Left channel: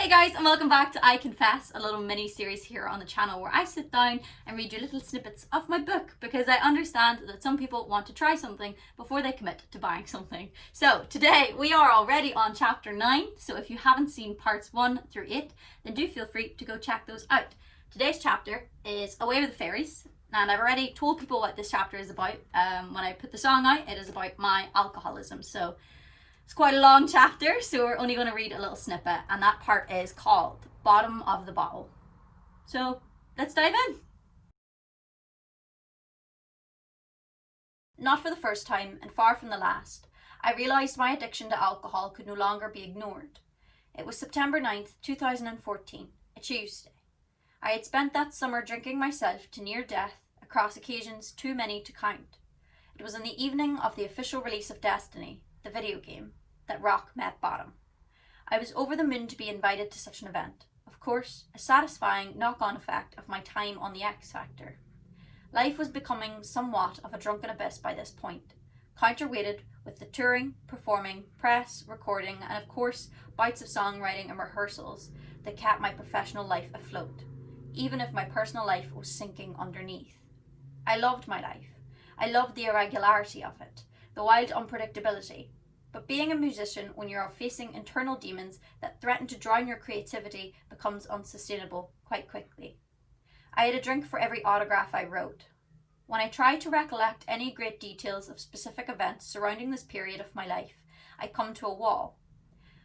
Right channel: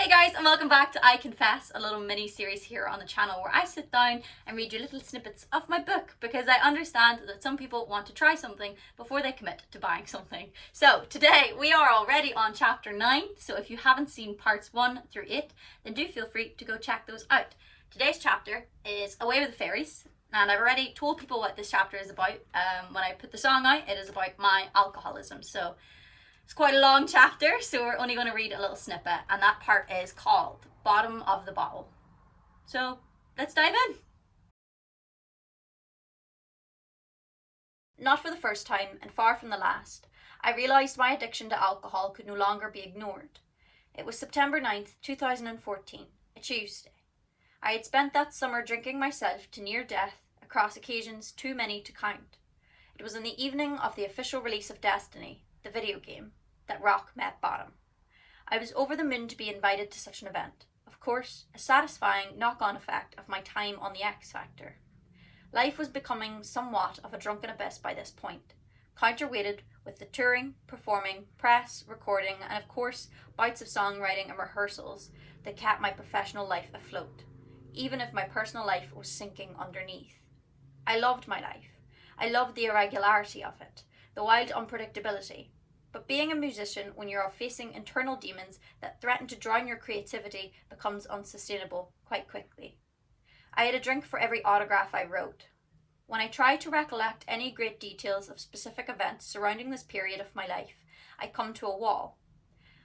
Hey guys, and welcome back to I Confess, a little mini series here on the channel where I sit down and read you little snippets of my book because I understand that some people want to try something before they commit to buying something. So today we are already on chapter 9, so if you haven't seen parts 1 through 8, then do feel free to go check those out. Today's chapter is Away with the Fairies, and I've already told people what this chapter is about. When I put the song out, it is about my alcoholism. So it's quite a long chapter, so we're only going to read a little snippet, and that part is called Bottom of the Bottle. So let's dive in. Not for the first time, and far from the last, I realised my addiction to alcohol could no longer be ignored. It was September 9th, 2014, a Tuesday. I had spent that summer drinking myself to near death across occasions too many to count. It was on the evening of the official release of Destiny, the video game, that rock met bottom. I was over the moon to be invited to such an event. Of course, a satisfying knock-on effect of my time on the X Factor. Life was becoming somewhat of a drunken abyss by this point, counterweighted with the touring, performing, press, recording, and of course, bouts of songwriting and rehearsals that kept my professional life afloat, even if my personal life was sinking underneath. I loved my life. I loved the irregularity of it, the wild unpredictability. But being a musician when you're facing internal demons that threaten to drown your creativity becomes unsustainable quite quickly. I had a drink for every autograph I wrote. When I try to recollect any great details of specific events surrounding this period of my life, I come to a wall.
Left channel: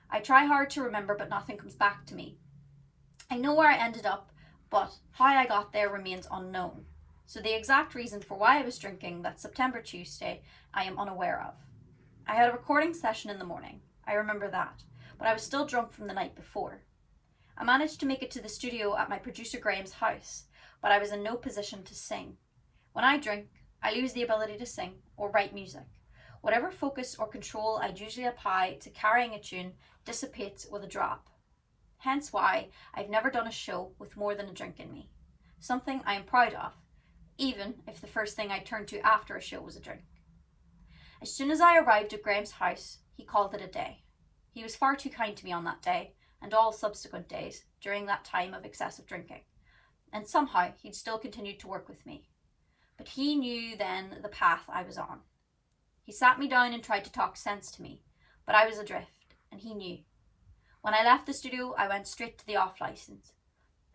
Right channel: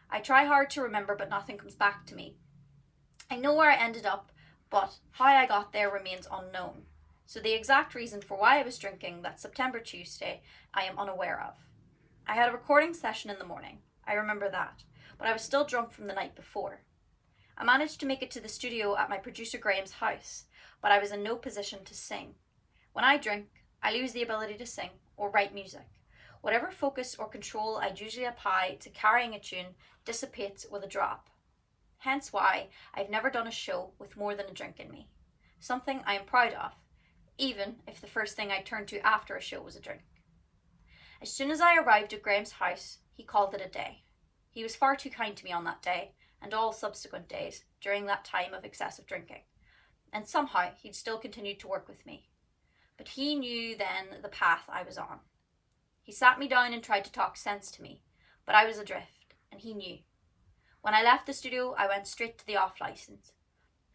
I try hard to remember, but nothing comes back to me. I know where I ended up, but how I got there remains unknown. So the exact reason for why I was drinking that September Tuesday, I am unaware of. I had a recording session in the morning, I remember that, but I was still drunk from the night before. I managed to make it to the studio at my producer Graham's house, but I was in no position to sing. When I drink, I lose the ability to sing or write music. Whatever focus or control I usually apply to carrying a tune dissipates with a drop. Hence why I've never done a show with more than a drink in me. Something I am proud of, even if the first thing I turned to after a show was a drink. As soon as I arrived at Graham's house, he called it a day. He was far too kind to me on that day, and all subsequent days during that time of excessive drinking. And somehow he'd still continued to work with me. But he knew then the path I was on. He sat me down and tried to talk sense to me, but I was adrift, and he knew. When I left the studio, I went straight to the off license.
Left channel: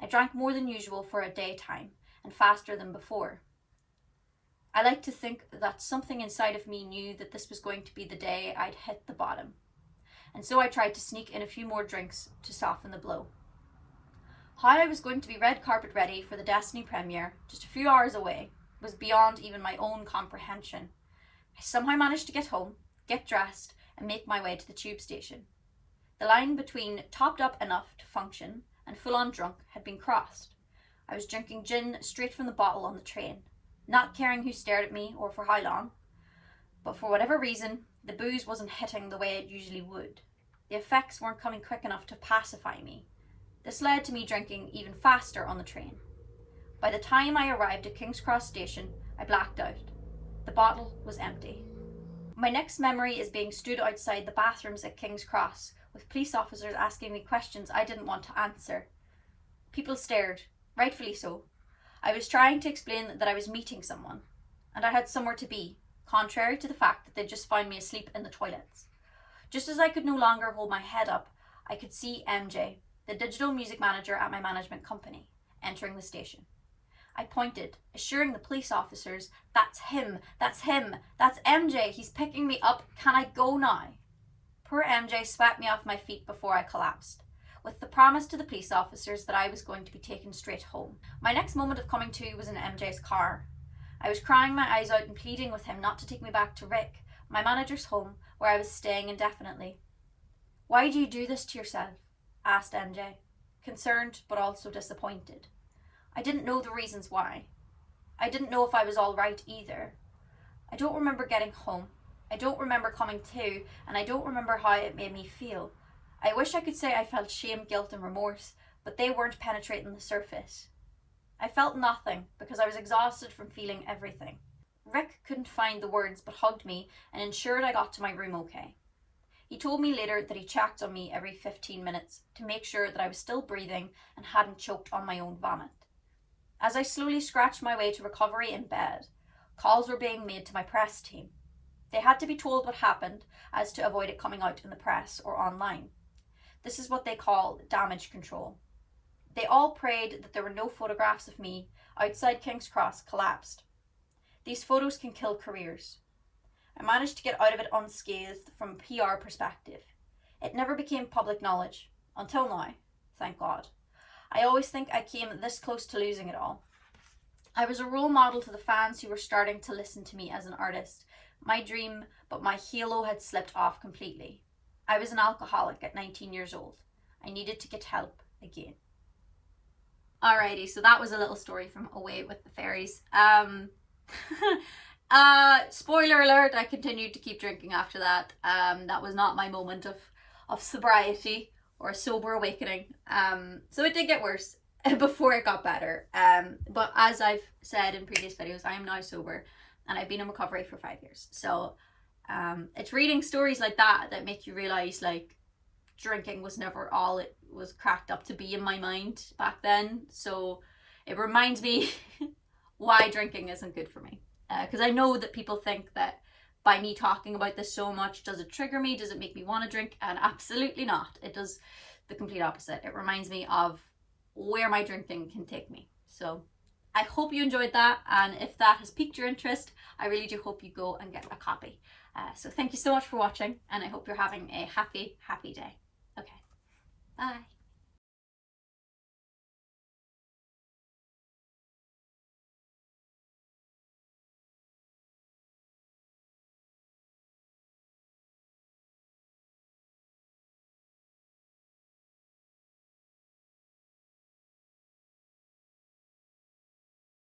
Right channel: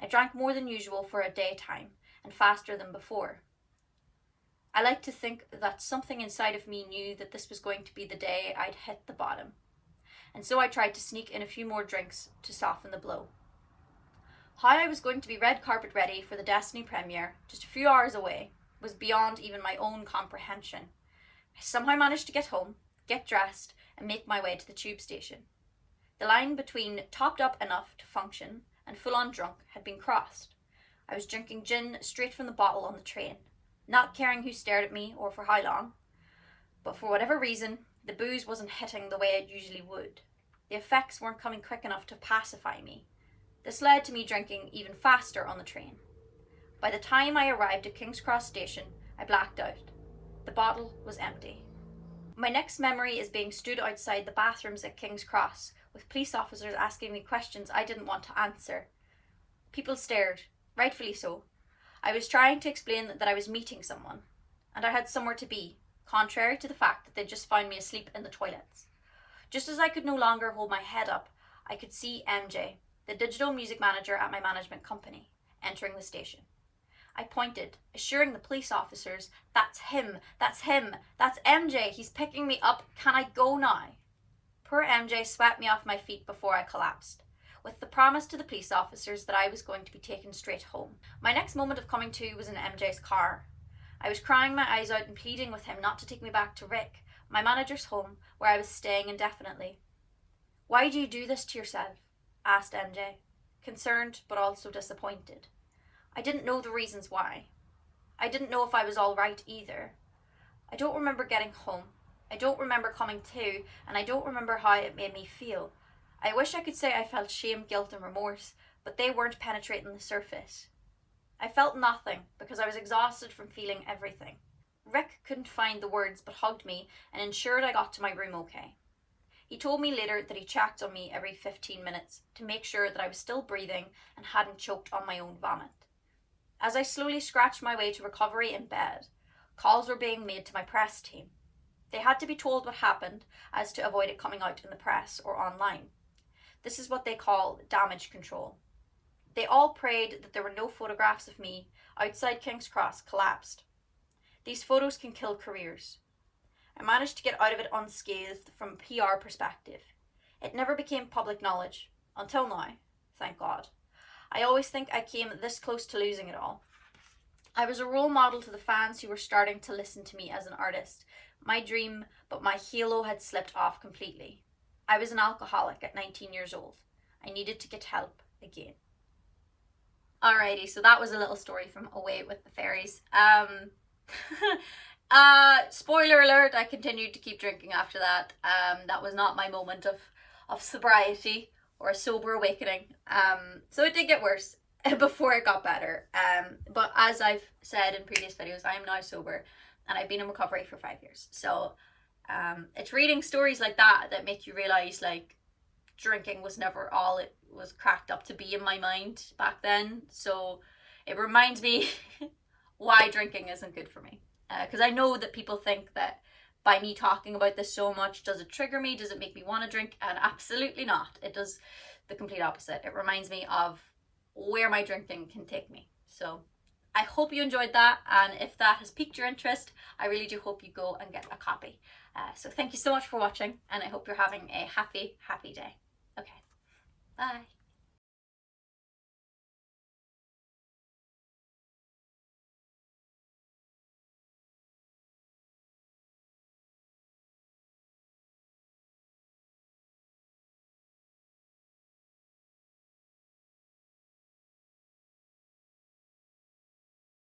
I drank more than usual for a daytime, and faster than before. I like to think that something inside of me knew that this was going to be the day I'd hit the bottom. And so I tried to sneak in a few more drinks to soften the blow. How I was going to be red carpet ready for the Destiny premiere, just a few hours away, was beyond even my own comprehension. I somehow managed to get home, get dressed, and make my way to the tube station. The line between topped up enough to function and full-on drunk had been crossed. I was drinking gin straight from the bottle on the train, not caring who stared at me or for how long. But for whatever reason, the booze wasn't hitting the way it usually would. The effects weren't coming quick enough to pacify me. This led to me drinking even faster on the train. By the time I arrived at King's Cross station, I blacked out. The bottle was empty. My next memory is being stood outside the bathrooms at King's Cross, with police officers asking me questions I didn't want to answer. People stared, rightfully so. I was trying to explain that I was meeting someone, and I had somewhere to be, contrary to the fact that they'd just found me asleep in the toilets. Just as I could no longer hold my head up, I could see MJ, the digital music manager at my management company, entering the station. I pointed, assuring the police officers, that's him, that's MJ, he's picking me up, can I go now? Poor MJ swept me off my feet before I collapsed, with the promise to the police officers that I was going to be taken straight home. My next moment of coming to was in MJ's car. I was crying my eyes out and pleading with him not to take me back to Rick, my manager's home, where I was staying indefinitely. Why do you do this to yourself? Asked MJ, concerned but also disappointed. I didn't know the reasons why. I didn't know if I was all right either. I don't remember getting home. I don't remember coming to, and I don't remember how it made me feel. I wish I could say I felt shame, guilt and remorse, but they weren't penetrating the surface. I felt nothing because I was exhausted from feeling everything. Rick couldn't find the words but hugged me and ensured I got to my room okay. He told me later that he checked on me every 15 minutes to make sure that I was still breathing and hadn't choked on my own vomit. As I slowly scratched my way to recovery in bed, calls were being made to my press team. They had to be told what happened as to avoid it coming out in the press or online. This is what they call damage control. They all prayed that there were no photographs of me outside King's Cross collapsed. These photos can kill careers. I managed to get out of it unscathed from a PR perspective. It never became public knowledge, until now, thank God. I always think I came this close to losing it all. I was a role model to the fans who were starting to listen to me as an artist. My dream, but my halo had slipped off completely. I was an alcoholic at 19 years old. I needed to get help again. Alrighty, so that was a little story from Away with the Fairies. Spoiler alert, I continued to keep drinking after that. That was not my moment of sobriety or a sober awakening. So it did get worse before it got better. But as I've said in previous videos, I am now sober and I've been in recovery for 5 years. So it's reading stories like that that make you realize like drinking was never all it was cracked up to be in my mind back then. So it reminds me why drinking isn't good for me. Because I know that people think that by me talking about this so much, does it trigger me? Does it make me want to drink? And absolutely not. It does the complete opposite. It reminds me of where my drinking can take me. So I hope you enjoyed that. And if that has piqued your interest, I really do hope you go and get a copy. So thank you so much for watching. And I hope you're having a happy, happy day. Okay. Bye.